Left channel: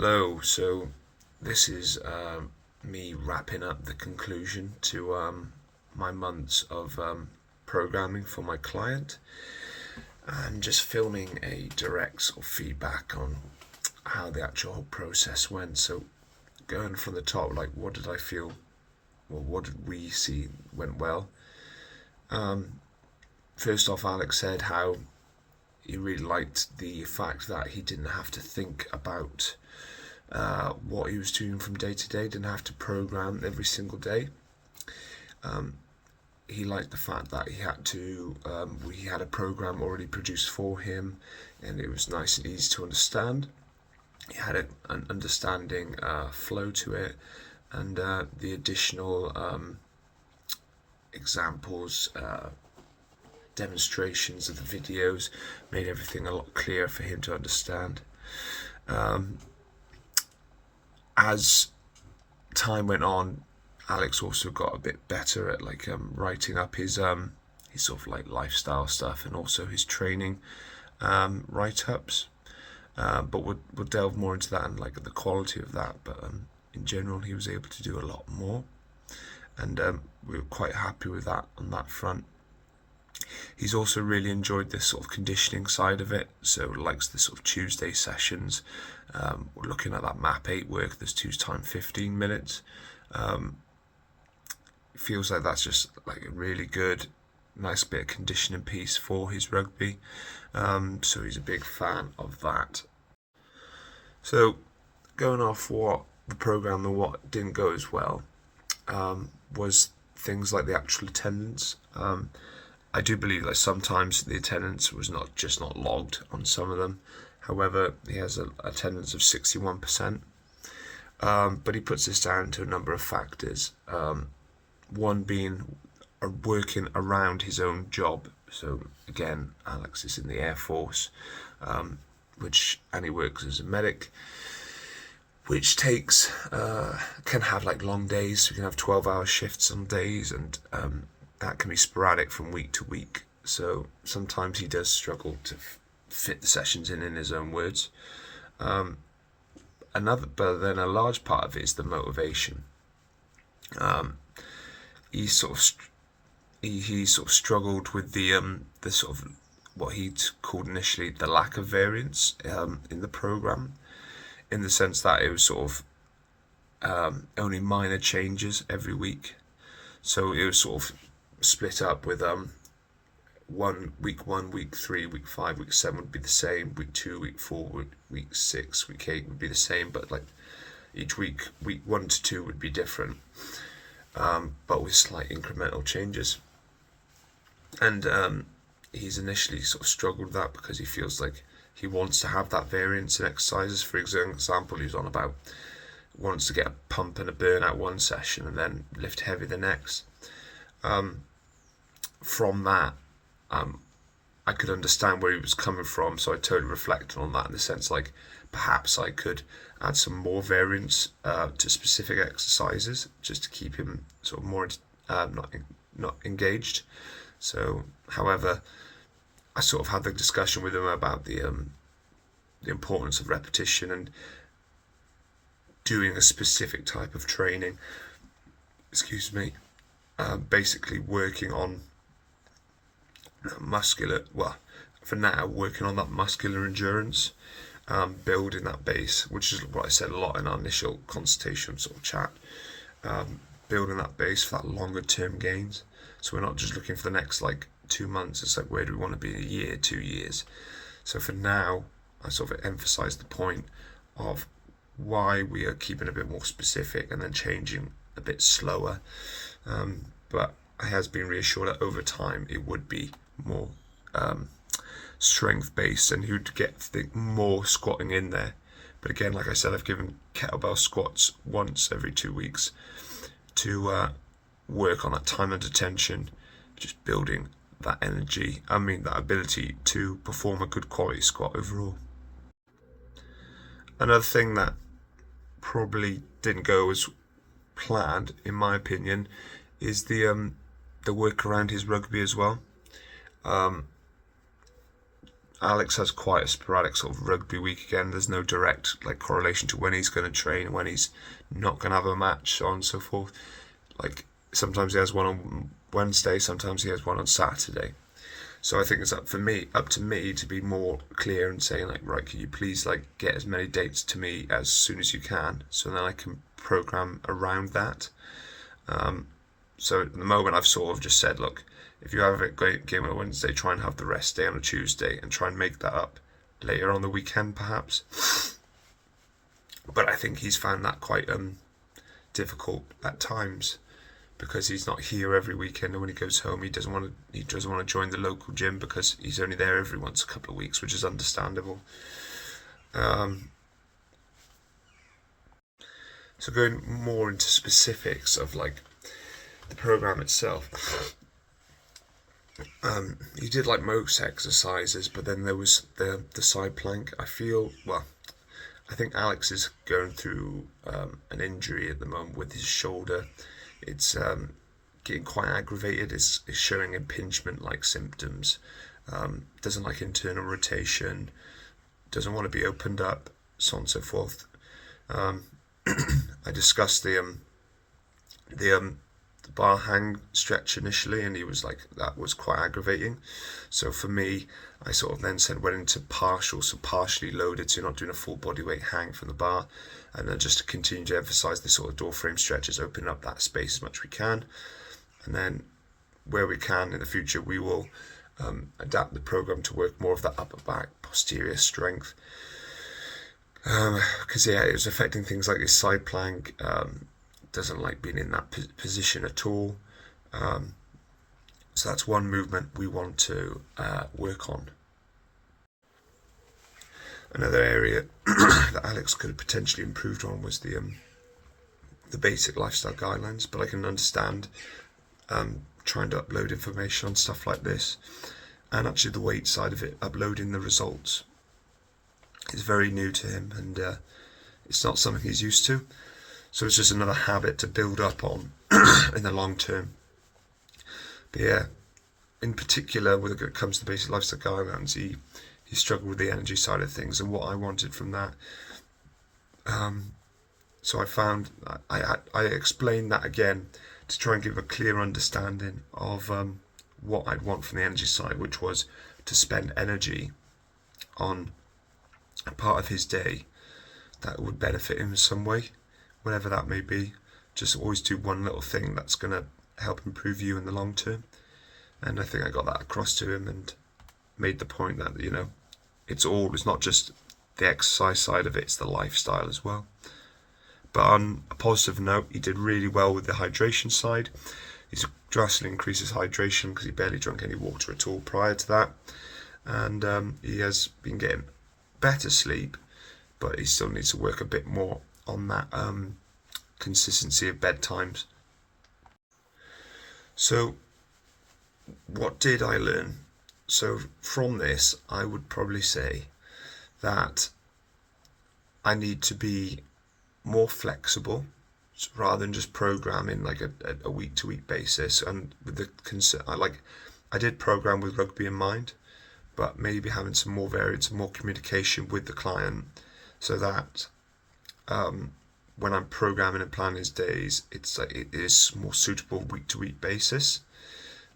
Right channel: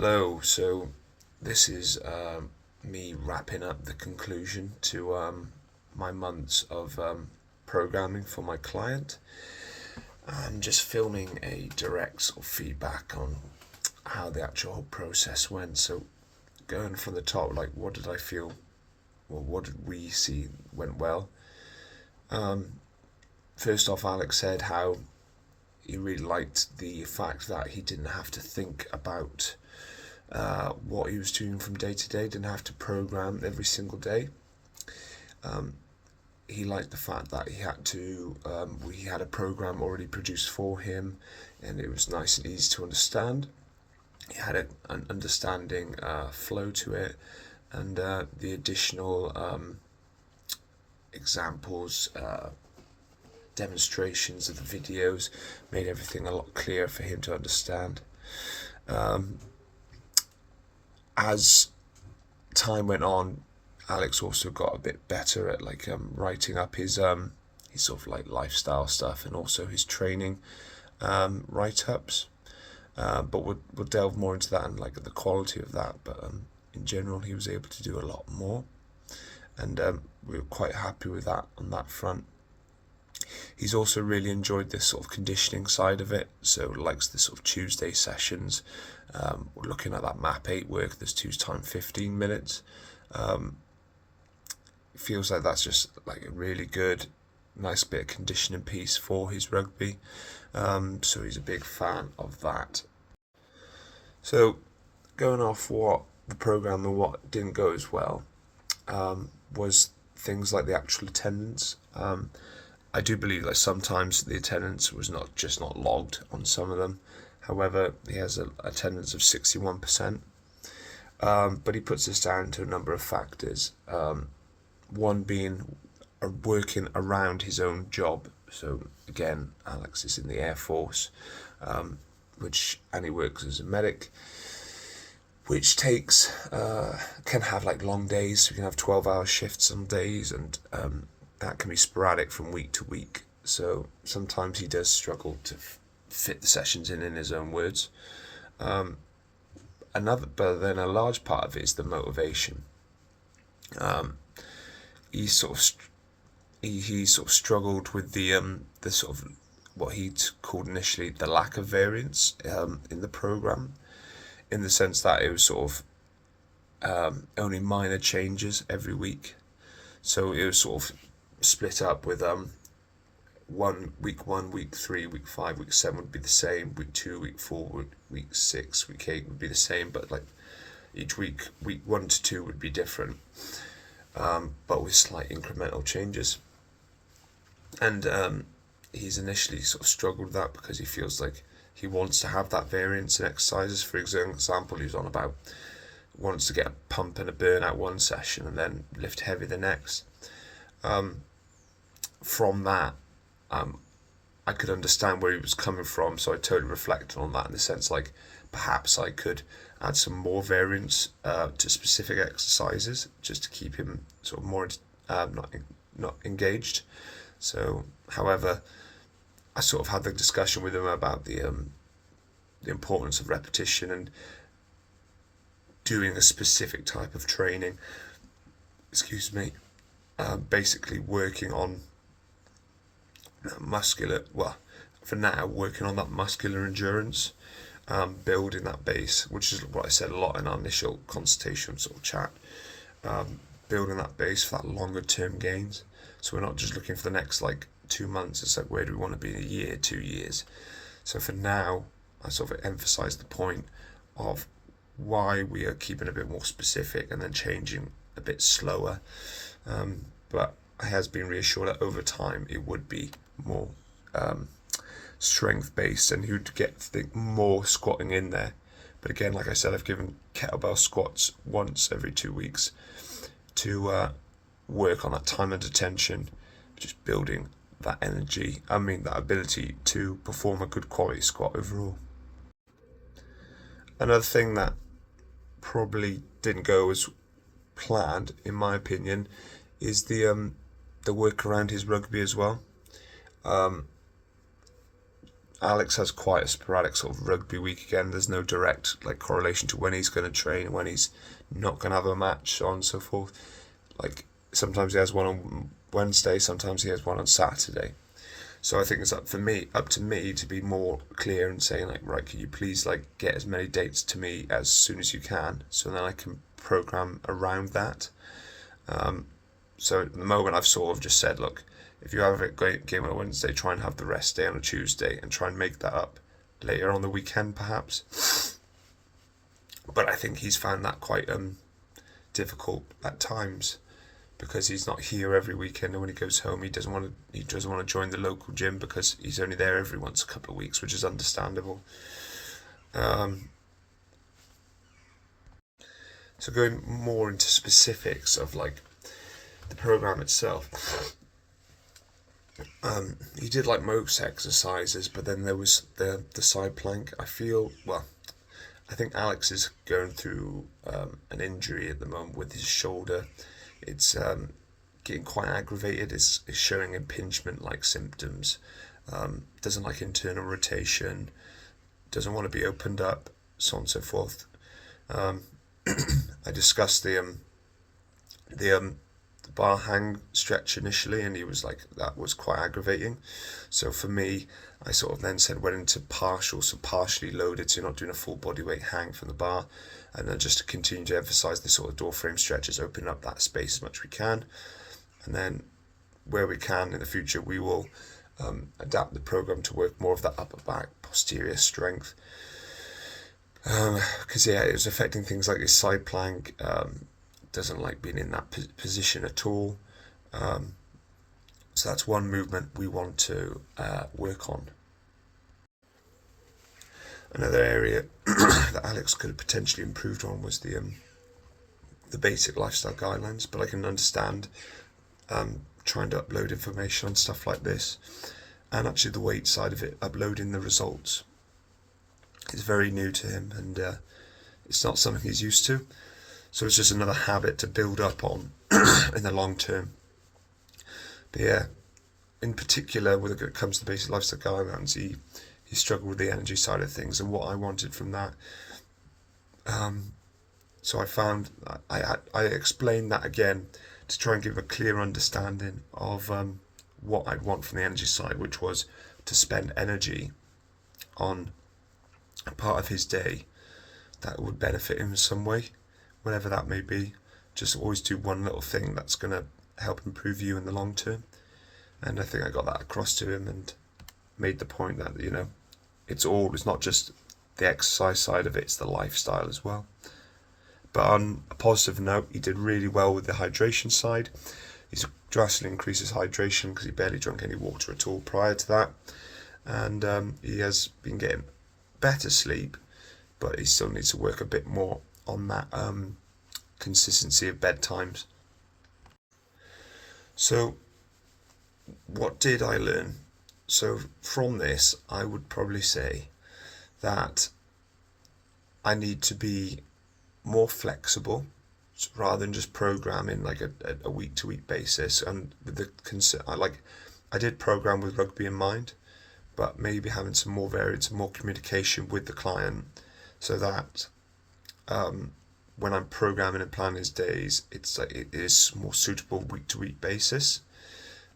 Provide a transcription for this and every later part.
Hello, so this is me wrapping up the conclusion to my months of programming for my client and just filming a direct sort of feedback on how the actual whole process went. So going from the top, like what did I feel, well, what did we see went well? First off, Alex said how he really liked the fact that he didn't have to think about what he was doing from day to day, didn't have to program every single day. He liked the fact that we had a program already produced for him, and it was nice and easy to understand. He had an understanding flow to it, and the additional examples, demonstrations of the videos made everything a lot clearer for him to understand. As time went on, Alex also got a bit better at writing up his sort of like lifestyle stuff and also his training write-ups. But we'll delve more into that and like the quality of that. But in general, he was able to do a lot more, and we were quite happy with that on that front. He's also really enjoyed this sort of conditioning side of it, so likes the sort of Tuesday sessions. We're looking at that map 8 work, there's 2 times 15 minutes. Feels like that's just like a really good, nice bit of conditioning piece for his rugby. So he's a big fan of that. So going off what the programme and what didn't go as well was things like the actual attendance. I do believe like sometimes the attendance was not logged on some of them. However, he has an attendance of 61%. But he puts this down to a number of factors. One being working around his own job. So again, Alex is in the Air Force, and he works as a medic, which takes can have like long days. So you can have 12-hour shifts some days, and that can be sporadic from week to week. So sometimes he does struggle to fit the sessions in his own words. But then a large part of it is the motivation. He sort of struggled with the sort of what he'd called initially the lack of variance in the program, in the sense that it was sort of only minor changes every week. So it was sort of split up with week 1, week 3, week 5, week 7 would be the same. Week 2, week 4, week 6, week 8 would be the same, but like each week 1 to 2 would be different, but with slight incremental changes. And he's initially sort of struggled with that because he feels like he wants to have that variance in exercises. For example, he was on about wants to get a pump and a burn out one session and then lift heavy the next. From that, I could understand where he was coming from, so I totally reflected on that in the sense like perhaps I could add some more variance to specific exercises just to keep him sort of more not engaged. So, however, I sort of had the discussion with him about the importance of repetition and doing a specific type of training. Excuse me. Basically working on for now, working on that muscular endurance, building that base, which is what I said a lot in our initial consultation sort of chat, building that base for that longer term gains. So we're not just looking for the next like 2 months, it's like where do we want to be in a year, 2 years. So for now, I sort of emphasize the point of why we are keeping a bit more specific and then changing a bit slower. But I has been reassured that over time it would be more strength based, and he would get more squatting in there. But again, like I said, I've given kettlebell squats once every 2 weeks to work on that time under tension, just building that that ability to perform a good quality squat overall. Another thing that probably didn't go as planned, in my opinion, is the work around his rugby as well. Alex has quite a sporadic sort of rugby week again. There's no direct like correlation to when he's going to train, when he's not going to have a match, so on and so forth. Like sometimes he has one on Wednesday, sometimes he has one on Saturday. So I think it's up to me to be more clear and saying like, right, can you please like get as many dates to me as soon as you can, so then I can program around that. So at the moment I've sort of just said, look, if you have a great game on a Wednesday, try and have the rest day on a Tuesday and try and make that up later on the weekend perhaps. But I think he's found that quite difficult at times, because he's not here every weekend, and when he goes home he doesn't want to join the local gym because he's only there every once a couple of weeks, which is understandable. So going more into specifics of like the program itself, he did like most exercises, but then there was the side plank. I think Alex is going through an injury at the moment with his shoulder. It's getting quite aggravated. It's showing impingement like symptoms. Doesn't like internal rotation. Doesn't want to be opened up, so on and so forth. I discussed the bar hang stretch initially, and he was like, that was quite aggravating. So for me, I sort of then went into partial, so partially loaded, so you're not doing a full body weight hang from the bar, and then just to continue to emphasize the sort of door frame stretches, opening up that space as much as we can, and then where we can in the future we will adapt the program to work more of that upper back posterior strength, because it was affecting things like his side plank. Doesn't like being in that position at all. So that's one movement we want to work on. Another area that Alex could have potentially improved on was the basic lifestyle guidelines, but I can understand trying to upload information on stuff like this, and actually the weight side of it, uploading the results, is very new to him, and it's not something he's used to. So it's just another habit to build up on in the long term. But yeah, in particular, when it comes to the basic lifestyle guidelines, he struggled with the energy side of things and what I wanted from that. So I found I explained that again to try and give a clear understanding of what I'd want from the energy side, which was to spend energy on a part of his day that would benefit him in some way, whatever that may be. Just always do one little thing that's going to help improve you in the long term. And I think I got that across to him and made the point that, it's not just the exercise side of it, it's the lifestyle as well. But on a positive note, he did really well with the hydration side. He's drastically increased his hydration because he barely drank any water at all prior to that. And he has been getting better sleep, but he still needs to work a bit more on that consistency of bedtimes. So what did I learn? So from this, I would probably say that I need to be more flexible rather than just programming like a week to week basis. And with the I did program with rugby in mind, but maybe having some more variance and more communication with the client, so that when I'm programming and planning his days, it is more suitable week to week basis.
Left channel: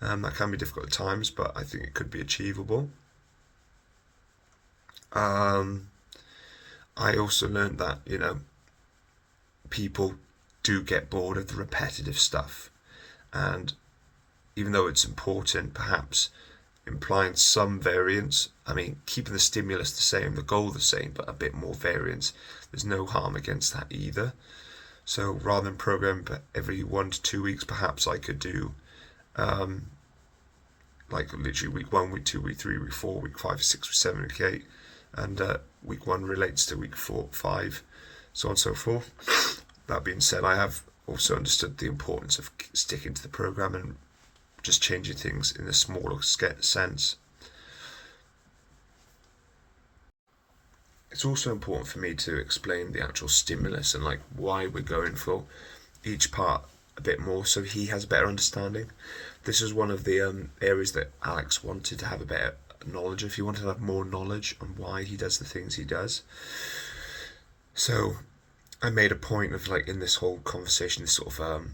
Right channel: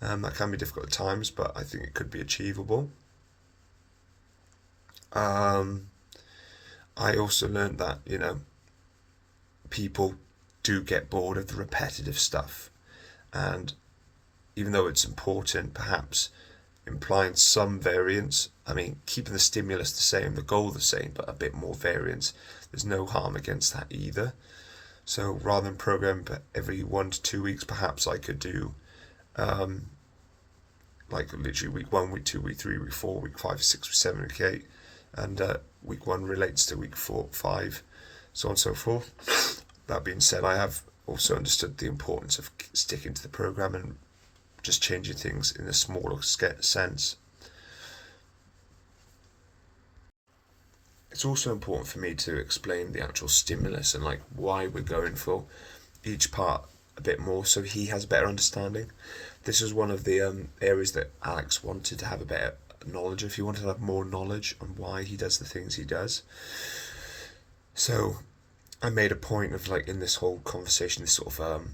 That can be difficult at times, but I think it could be achievable. I also learned that, people do get bored of the repetitive stuff. And even though it's important, perhaps implying some variance, keeping the stimulus the same, the goal the same, but a bit more variance, there's no harm against that either. So rather than program every 1 to 2 weeks, perhaps I could do like literally week 1, week 2, week 3, week 4, week 5, 6, week 7, week 8, and week 1 relates to week 4, 5, so on and so forth. That being said, I have also understood the importance of sticking to the program and just changing things in a smaller sense. It's also important for me to explain the actual stimulus and like why we're going for each part a bit more, so he has a better understanding. This is one of the areas that Alex wanted to have a better knowledge, if he wanted to have more knowledge on why he does the things he does. So I made a point of, like, in this whole conversation, this sort of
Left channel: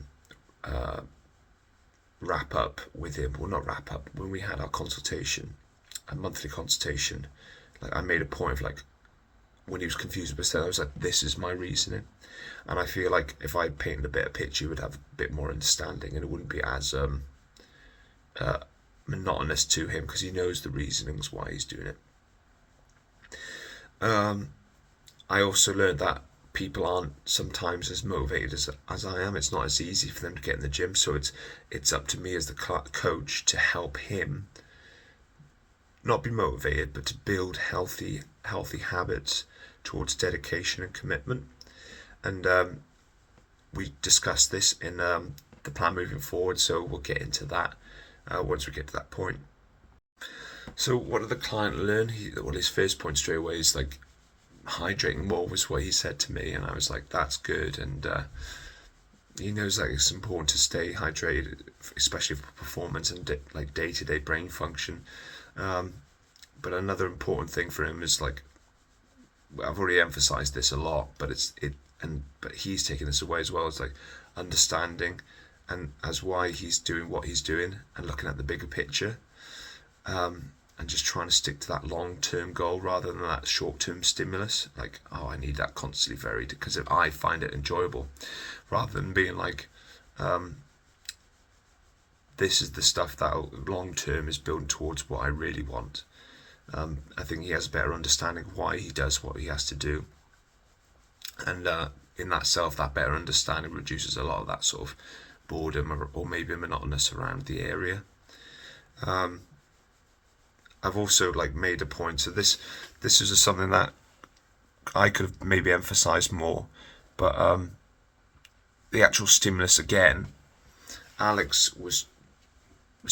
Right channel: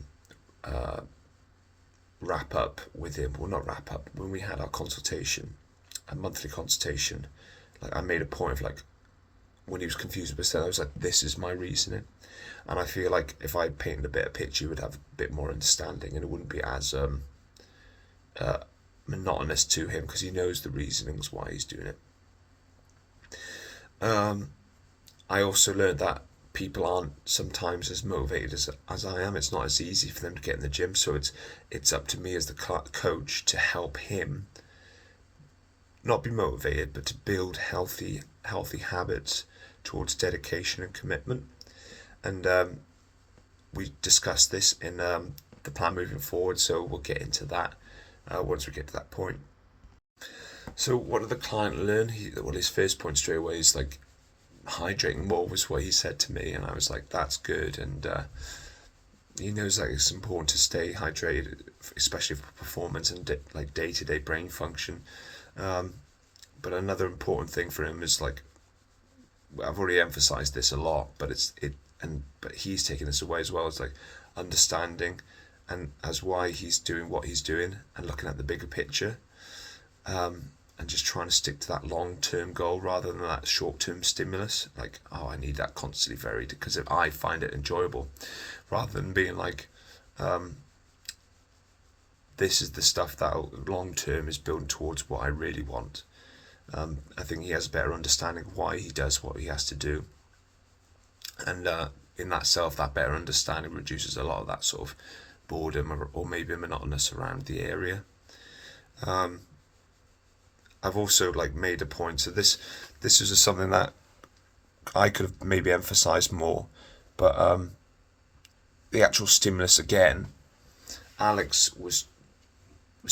wrap up with him, well, not wrap up, when we had our consultation, a monthly consultation, like, I made a point of, like, when he was confused with I was like, this is my reasoning. And I feel like if I painted a better picture, he would have a bit more understanding, and it wouldn't be as monotonous to him, because he knows the reasonings why he's doing it. I also learned that people aren't sometimes as motivated as I am. It's not as easy for them to get in the gym, so it's up to me as the coach to help him not be motivated, but to build healthy habits towards dedication and commitment. And we discussed this in the plan moving forward, so we'll get into that once we get to that point. So what did the client learn? His first point straight away is, like, hydrating more was what he said to me, and I was like, that's good. And he knows that it's important to stay hydrated, especially for performance and like day-to-day brain function. But another important thing for him is, like, I've already emphasized this a lot, but but he's taking this away as well. It's like understanding and as why he's doing what he's doing, and looking at the bigger picture, and just trying to stick to that long-term goal rather than that short-term stimulus. Like, oh, I need that constantly varied because I find it enjoyable, rather than being like, this is the stuff that long-term is building towards what I really want. I think he has a better understanding of why he does what he has to do, and in that better understanding reduces a lot of that sort of boredom or maybe monotonous around the area. I've also, like, made a point, so this is something that I could have maybe emphasized more, but the actual stimulus again, Alex was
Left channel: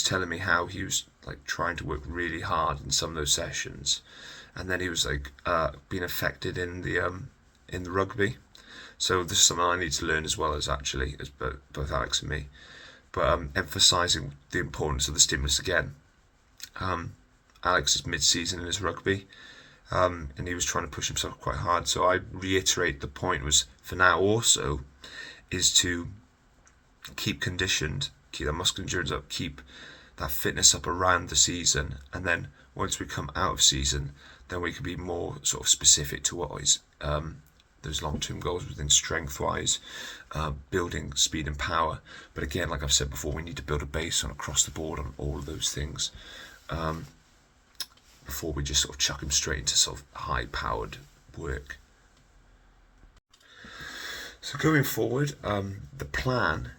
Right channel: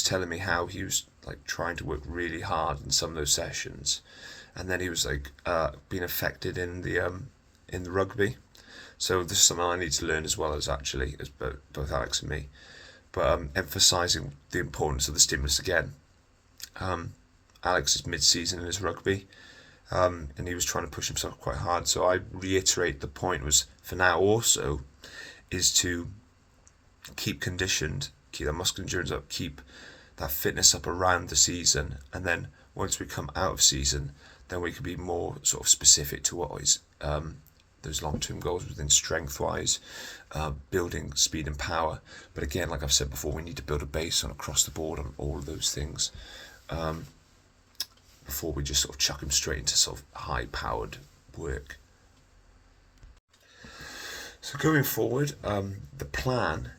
telling me how he was, like, trying to work really hard in some of those sessions, and then he was, like, being affected in the rugby. So this is something I need to learn as well, as both Alex and me, but emphasizing the importance of the stimulus again. Alex is mid-season in his rugby, and he was trying to push himself quite hard. So I reiterate the point was, for now also, is to keep conditioned, keep that muscular endurance up, keep that fitness up around the season, and then once we come out of season, then we can be more sort of specific to what is those long-term goals within strength-wise, building speed and power. But again, like I've said before, we need to build a base on across the board on all of those things, before we just sort of chuck him straight into sort of high-powered work. So going forward, the plan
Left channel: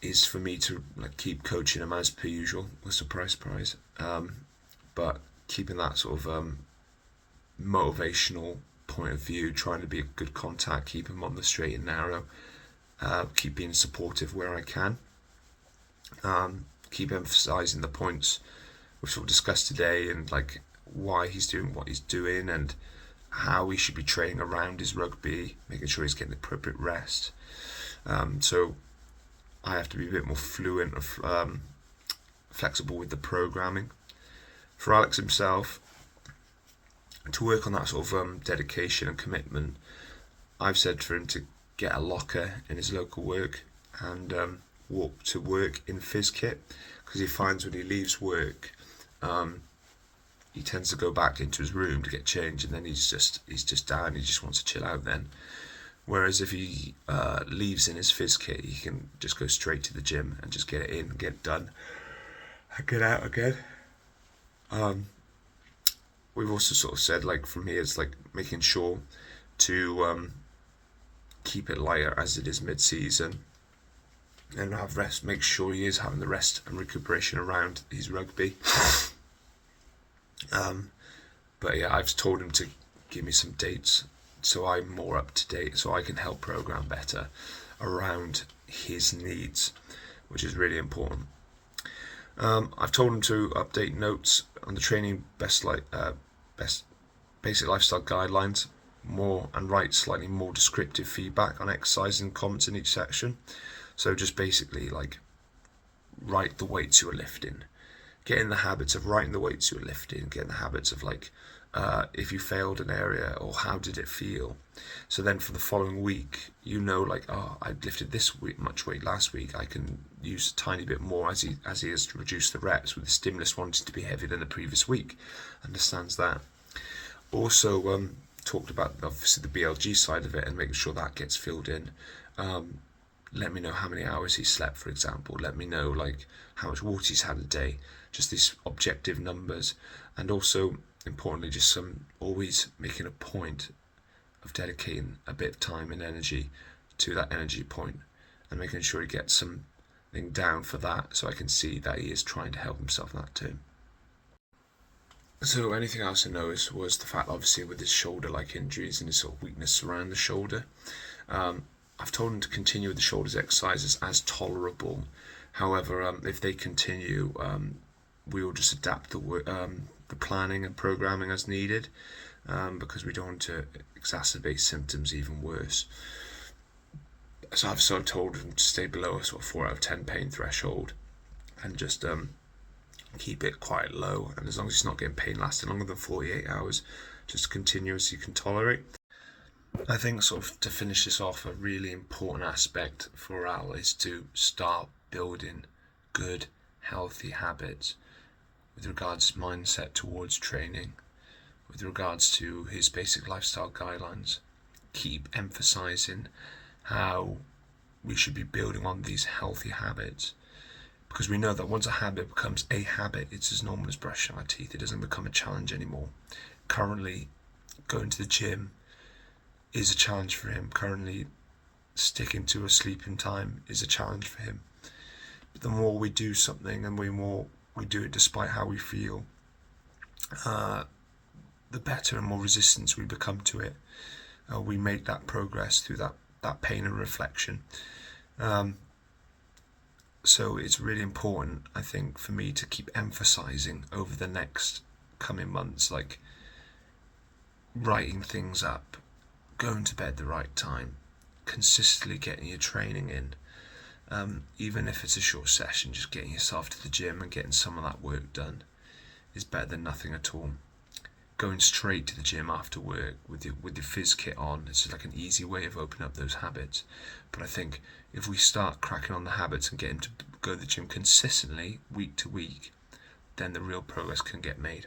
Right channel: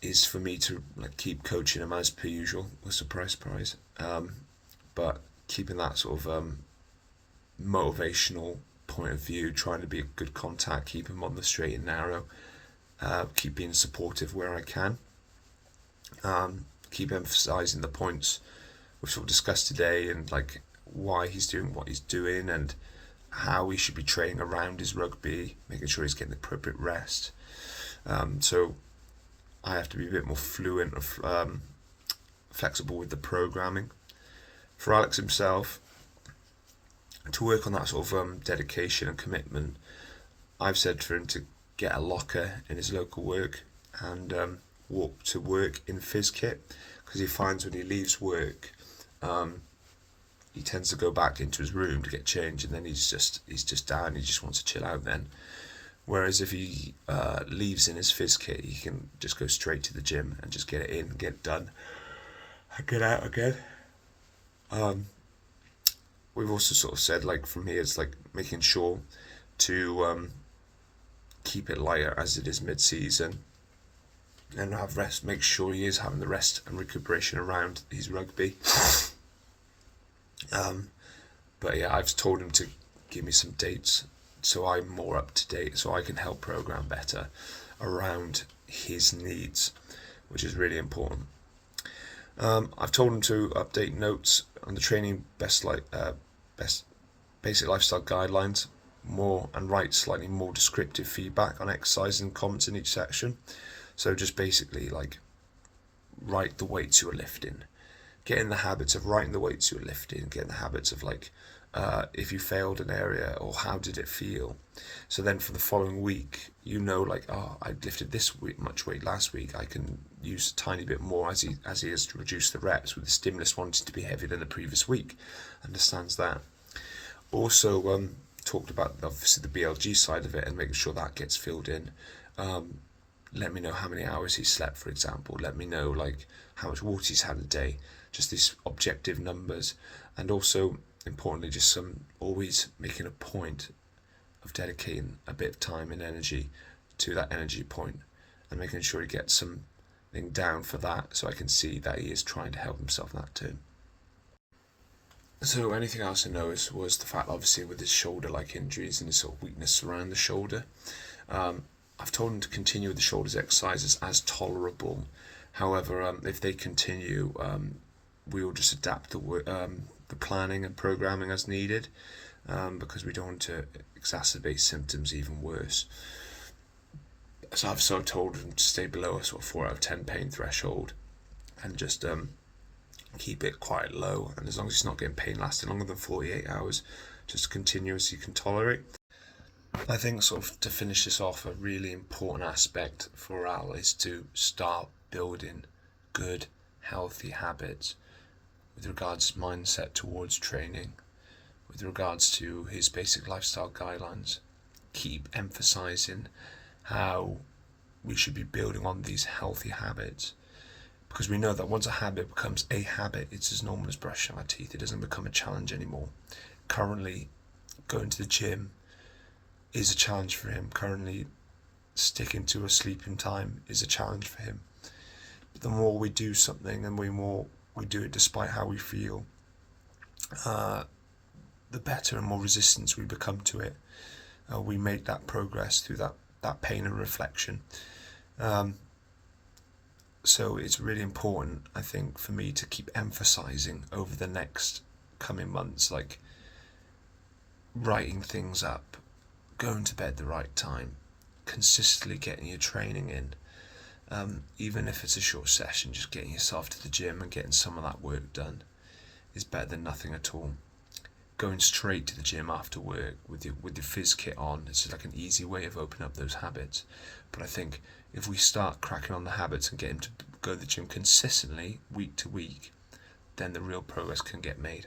is for me to, like, keep coaching him as per usual, with surprise, but keeping that sort of motivational point of view, trying to be a good contact, keep him on the straight and narrow, keep being supportive where I can, keep emphasizing the points which we'll discuss today, and, like, why he's doing what he's doing and how he should be training around his rugby, making sure he's getting the appropriate rest. So I have to be a bit more fluent or flexible with the programming. For Alex himself, to work on that sort of dedication and commitment, I've said for him to get a locker in his local work and walk to work in phys kit, because he finds when he leaves work, he tends to go back into his room to get changed, and then he's just down. He just wants to chill out then. Whereas if he leaves in his phys kit, he can just go straight to the gym and just get it in, get it done, and get out again. We've also sort of said, like, from here, it's like making sure to keep it lighter as it is mid-season, and have rest. Make sure he is having the rest and recuperation around his rugby. But yeah, I've told him to give me some dates so I'm more up to date, so I can help program better around his needs, which is really important. I've told him to update notes on the training basic lifestyle guidelines more, and write slightly more descriptive feedback on exercise and comments in each section. So just basically, like, write the weights you're lifting, getting the habits of writing the weights you're lifting, getting the habits of like if you failed an area or how did it feel. So then for the following week, you know, like, oh, I lifted this week, much weight last week. I can use a tiny bit more as he has to reduce the reps with the stimulus wanting to be heavier than the previous week. Understands that. Also talked about obviously the BLG side of it and making sure that gets filled in. Let me know how many hours he slept, for example. Let me know like how much water he's had a day. Just these objective numbers, and also importantly, just always making a point of dedicating a bit of time and energy to that energy point and making sure he gets something down for that, so I can see that he is trying to help himself in that too. So anything else I noticed was the fact, obviously, with his shoulder-like injuries and his sort of weakness around the shoulder, I've told him to continue with the shoulders exercises as tolerable. However, if they continue, we will just adapt the planning and programming as needed, because we don't want to exacerbate symptoms even worse. So I've sort of told him to stay below a sort of 4 out of 10 pain threshold and just keep it quite low. And as long as he's not getting pain lasting longer than 48 hours, just continue as you can tolerate. I think sort of to finish this off, a really important aspect for Al is to start building good, healthy habits with regards to mindset towards training, with regards to his basic lifestyle guidelines. Keep emphasizing how we should be building on these healthy habits, because we know that once a habit becomes a habit, it's as normal as brushing our teeth. It doesn't become a challenge anymore. Currently, going to the gym is a challenge for him. Currently, sticking to a sleeping time is a challenge for him. But the more we do something and the more we do it despite how we feel, the better and more resistance we become to it. We make that progress through that pain and reflection. So it's really important, I think, for me to keep emphasizing over the next coming months, like writing things up, going to bed the right time, consistently getting your training in. Even if it's a short session, just getting yourself to the gym and getting some of that work done is better than nothing at all. Going straight to the gym after work with your phys kit on, it's like an easy way of opening up those habits. But I think if we start cracking on the habits and get him to go to the gym consistently, week to week, then the real progress can get made.